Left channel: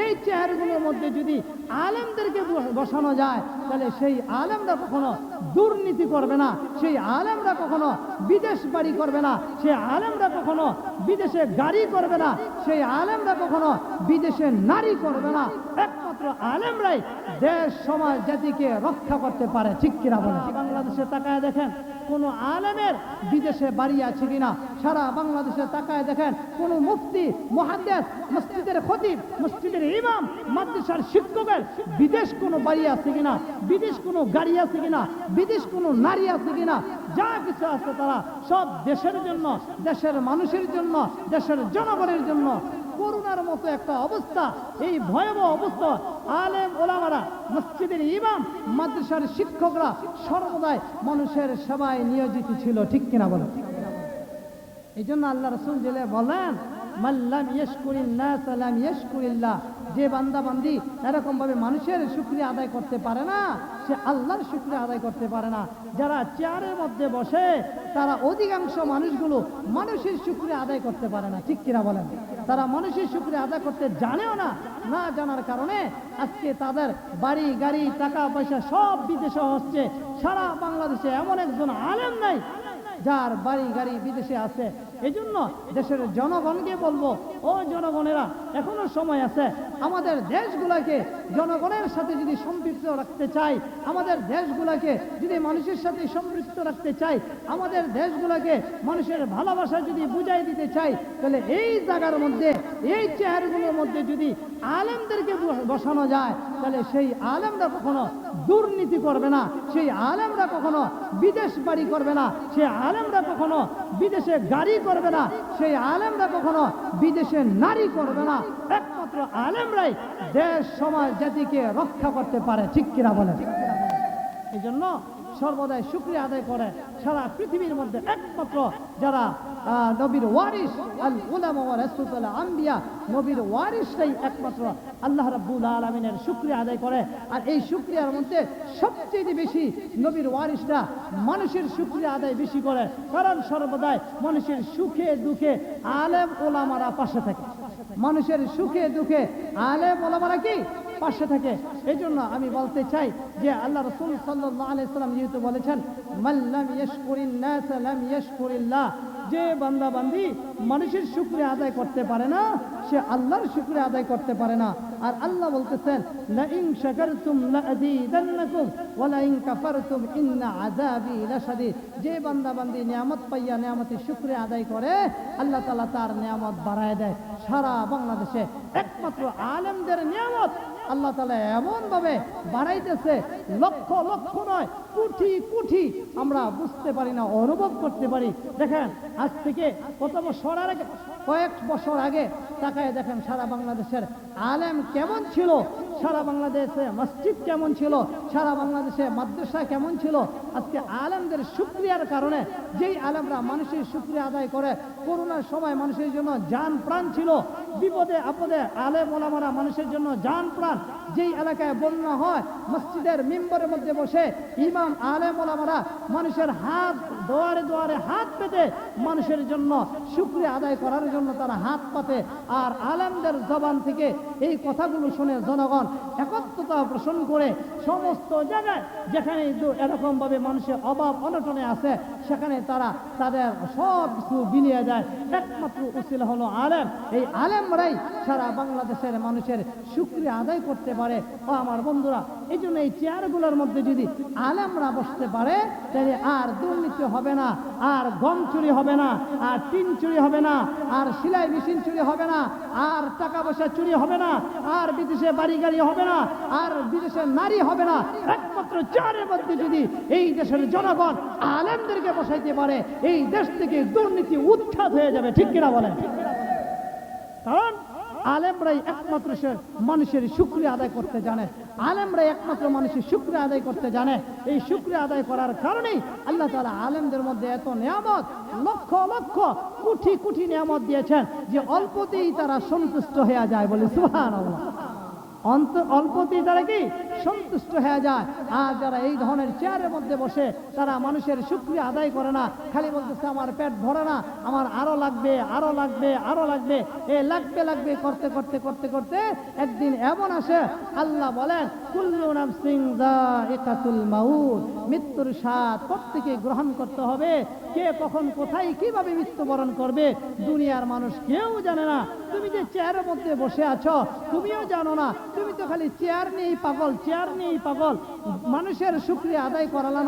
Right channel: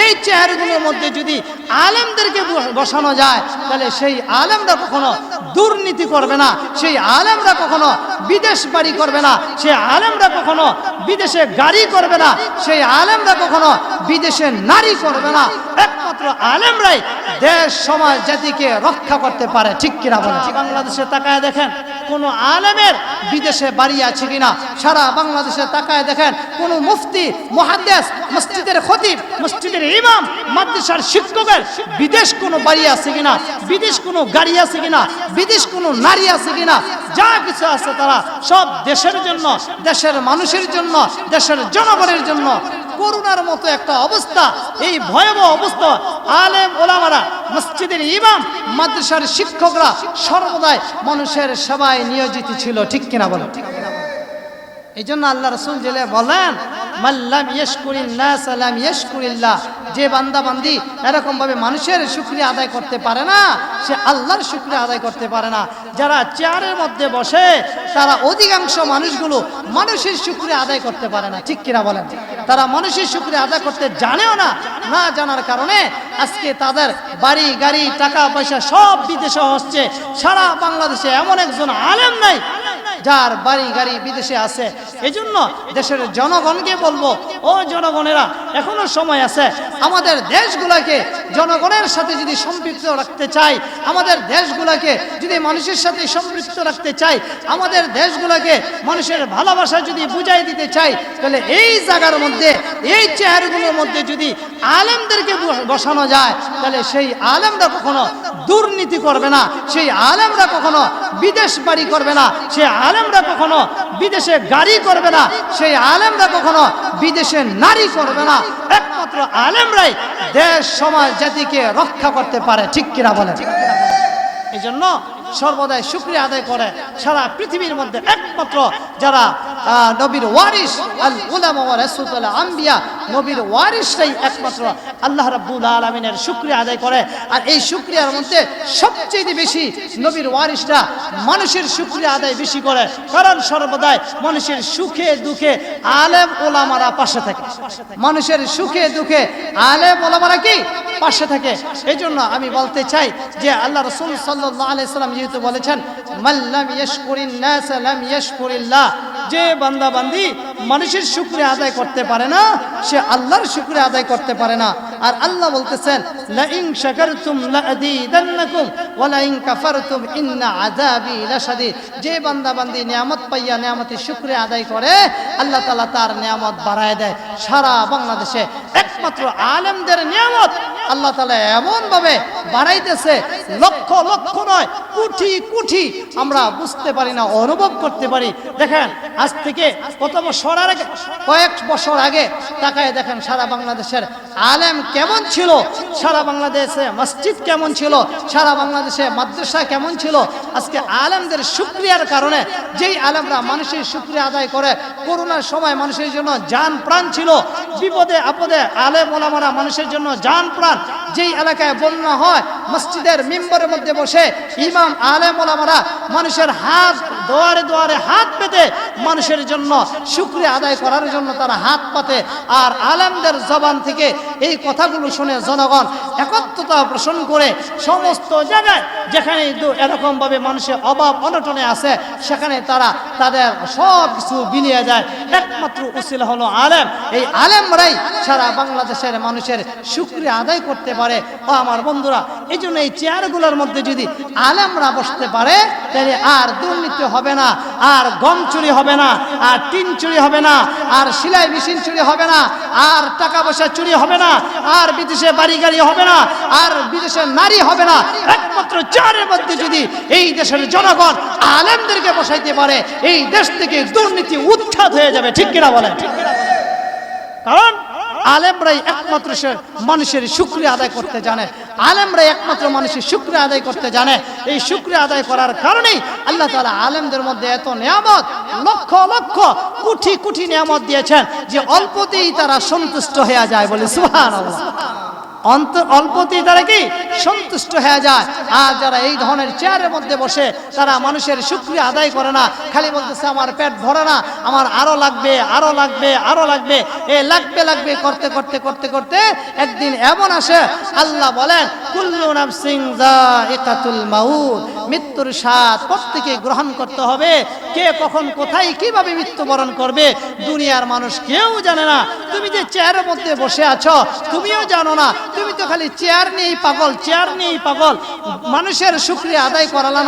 এই চেহারাগুলোর মধ্যে যদি আলেমদেরকে বসানো যায়, তাহলে সেই আলেমরা কখনো দুর্নীতি করবে না, সেই আলেমরা কখনো বিদেশ বাড়ি করবে না, সেই আলেমরা কখনো বিদেশে গাড়ি করবে না, সেই আলেমরা কখনো বিদেশে নারী করবে না। একমাত্র আলেমরাই দেশ, সমাজ, জাতিকে রক্ষা করতে পারে, ঠিক কিনা বলে বাংলাদেশে তাকায় দেখেন, কোন আলেমের বিদেশে বাড়ি আছে কিনা? সারা বাংলাদেশে তাকায় দেখেন, কোন মুফতি মহাদেশ মসজিদের খতিব, মসজিদের ইমাম, মাদ্রাসার শিক্ষকের বিদেশ কোনো বাড়ি আছে কিনা? বিদেশ কোনো গাড়ি আছে কিনা? বিদেশ কোনো নারী আছে কিনা? যা কিছু আছে তারা সব দেশের জন্য, দেশের মানুষের জন্য, দেশের জনগণের জন্য করোনার মতো একটা অবস্থা, এই ভয়াবহ অবস্থা। আলেম, ওলামারা, মসজিদের ইমাম, মাদ্রাসার শিক্ষকরা সর্বদাই মানুষের সেবায় নিয়োজিত ছিল, ঠিক কিনা বলো এই জন্য আল্লাহ রসুল জেলে বলেন মাল্লাম ইয়শকুরিন নাস আলাম ইয়শকুরিল্লাহ। যে বান্দা বান্দি এরকম ভাবে মানুষের শুক্রিয়া আদায় করতে পারে না, সে আল্লাহর শুক্রিয়া আদায় করতে পারে না। যারা চেয়ারের মধ্যে বসে, তারা অধিকাংশ মানুষগুলো মানুষের শুক্রিয়া আদায় করতে পারে না। ঠিক কিনা বলেন? তারা মানুষের শুক্রিয়া আদায় করতে জানেও না না জানার কারণে আজকে তাদের বাড়ি, গাড়ি, টাকা, পয়সা সব বিদেশে হচ্ছে। সারা বাংলাদেশে এমন একজন আলেম নাই যার বাড়ি গাড়ি বিদেশে আছে। এই জন্য দেশের জনগণকে বলব, ও জনগণেরা, এখনও সময় আছে। আমাদের দেশগুলোকে জনগণের সাথে যদি সম্পৃক্ত রাখতে চাই, আমাদের দেশগুলোকে যদি মানুষের সাথে সম্পৃক্ত রাখতে চাই, আমাদের দেশগুলোকে মানুষের ভালোবাসা যদি বুঝাই দিতে চাই, তাহলে এই জায়গার মধ্যে, এই চেয়ারগুলোর মধ্যে যদি আলেমদেরকে বসানো যায়, তাহলে সেই আলেমরা কখনো দুর্নীতি করবে না, সেই আলেমরা কখনো বিদেশ বাড়ি করবে না সেই আলেমরা কখনো বিদেশে গাড়ি করবে না সেই আলেমরা কখনো বিদেশে নারী করবে না। একমাত্র আলেমরাই দেশ সমাজ জাতিকে রক্ষা করতে পারে ঠিক কিনা বলে এই জন্য সর্বদাই শুক্রিয়া আদায় করে সারা পৃথিবীর মধ্যে একমাত্র যারা নবীর ওয়ারিস আল উলামা ওয়া রাসূলুল আম্বিয়া, নবীর ওয়ারিসটাই একমাত্র আল্লাহ রাব্বুল আলামিনের শুক্রিয়া আদায় করে। আর এই শুক্রিয়ার মধ্যে সবচেয়ে বেশি নবীর ওয়ারিসরা মানুষের শুক্রিয়া আদায় বেশি করে। কারণ সর্বদাই মানুষের সুখে দুঃখে আলেম ওলামারা পাশে থাকে। মানুষের সুখে দুঃখে আলেম ওলামারা কি? পাশে থাকে। এই জন্য আমি বলতে চাই যে আল্লাহ রসুল আলাইসাল্লাম যেহেতু বলেছেন মাল্লাম ইয়শকুরিন যে বান্দা বান্দি মানুষের শুক্রিয়া আদায় করতে পারে না, সে আল্লাহর শুক্রিয়া আদায় করতে পারে না। আর আল্লাহ বলতেছেন লা ইন শাকারতুম লা আযীদান্নাকুম ওয়া লা কাফারতুম ইন্না আযাবি লাশাদীদ। যে বান্দা বান্দি নিয়ামত পাইয়া নিয়ামতের শুক্রিয়া আদায় করে, আল্লাহ তাআলা তার নিয়ামত বাড়ায় দেয়। সারা বাংলাদেশে একমাত্র আলেমদের নিয়ামত আল্লাহ তাআলা এমন ভাবে বাড়াইতেছে, লক্ষ লক্ষ নয়, কোটি কোটি। আমরা বুঝতে পারি না, অনুভব করতে পারি। দেখেন, আজ থেকে কত বছর আগে কয়েক বছর আগে তাকায় দেখেন সারা বাংলাদেশের আলেম কেমন ছিল? সারা বাংলাদেশে মসজিদ কেমন ছিল? সারা বাংলাদেশে মাদ্রাসা কেমন ছিল? আজকে আলেমদের শুক্রিয়ার কারণে যেই আলেমরা মানুষের শুক্রিয়া আদায় করে, করোনার সময় মানুষের জন্য যান প্রাণ ছিল, বিপদে আপদে আলেম ওলামারা মানুষের জন্য যান প্রাণ। যেই এলাকায় বন্যা হয়, মসজিদের মিম্বরের মধ্যে বসে ইমাম, আলেম ওলামারা মানুষের হাত দোয়ারে দোয়ারে হাত পেতে মানুষের জন্য শুক্রিয়া আদায় করার জন্য তারা হাত পাতে। আর আলেমদের জবান থেকে এই কথাগুলো শুনে জনগণ একত্রতা পোষণ করে সমস্ত জায়গায় যেখানে এরকম ভাবে মানুষের অভাব, অনটনে আছে, সেখানে তারা তাদের সব কিছু বিলিয়ে যায়। একমাত্র উসিল হলো আলেম। এই আলেমরাই সারা বাংলাদেশের মানুষের শুক্রিয়া আদায় করতে পারে। ও আমার বন্ধুরা, এই জন্য এই চেয়ারগুলোর মধ্যে যদি আলেমরা বসতে পারে, তাহলে আর দুর্নীতি হবে না, আর গম চুরি হবে না, আর টিন চুরি হবে না, আর সেলাই মেশিন চুরি হবে না, আর টাকা পয়সা চুরি হবে না, আর বিদেশে বাড়ি গাড়ি হবে না, আর বিদেশে নারী হবে না। একমাত্র চারের মধ্যে যদি এই দেশের জনগণ আলেমদেরকে বসাইতে পারে, এই দেশ থেকে দুর্নীতি উৎখাত হয়ে যাবে, ঠিক কিনা বলেন? কারণ আলেমরাই একমাত্র সে মানুষের শুক্রিয়া আদায় করতে জানে। আলেমরাই একমাত্র মানুষের শুক্রিয়া আদায় করতে জানে। এই শুক্রিয়া আদায় করার কারণেই আল্লাহ তালা আলেমদের মধ্যে এত নিয়ামত, লক্ষ লক্ষ কুঠি কুঠি নিয়ামত দিয়েছেন যে অল্পতেই তারা সন্তুষ্ট হয়ে যায় বলে সুবহানাল্লাহ। অন্ত, অল্পতেই তারা কি সন্তুষ্ট হয়ে যায়। আর যারা এই ধরনের চেয়ারের মধ্যে বসে, তারা মানুষের সুক্রিয়া আদায় করে না। খালি বলতেছে, আমার পেট ভরে না, আমার আরও লাগবে আরও লাগবে আরও লাগবে। এ লাগবে লাগবে করতে করতে করতে করতে একদিন এমন আসে, আল্লাহ বলেন, কুল্লু নাফসিং যায়িকাতুল মাউত। মৃত্যুর স্বাদ প্রত্যেকে গ্রহণ করতে হবে। কে কখন কোথায় কীভাবে মৃত্যুবরণ করবে, দুনিয়ার মানুষ কেউ জানে না। তুমি যে চেয়ারের মধ্যে বসে আছো, তুমিও জানো না। তুমি তো খালি চেয়ার নিয়েই পাগল, চেয়ার নিয়েই পাগল। মানুষের শুক্রিয়া আদায় করালা না।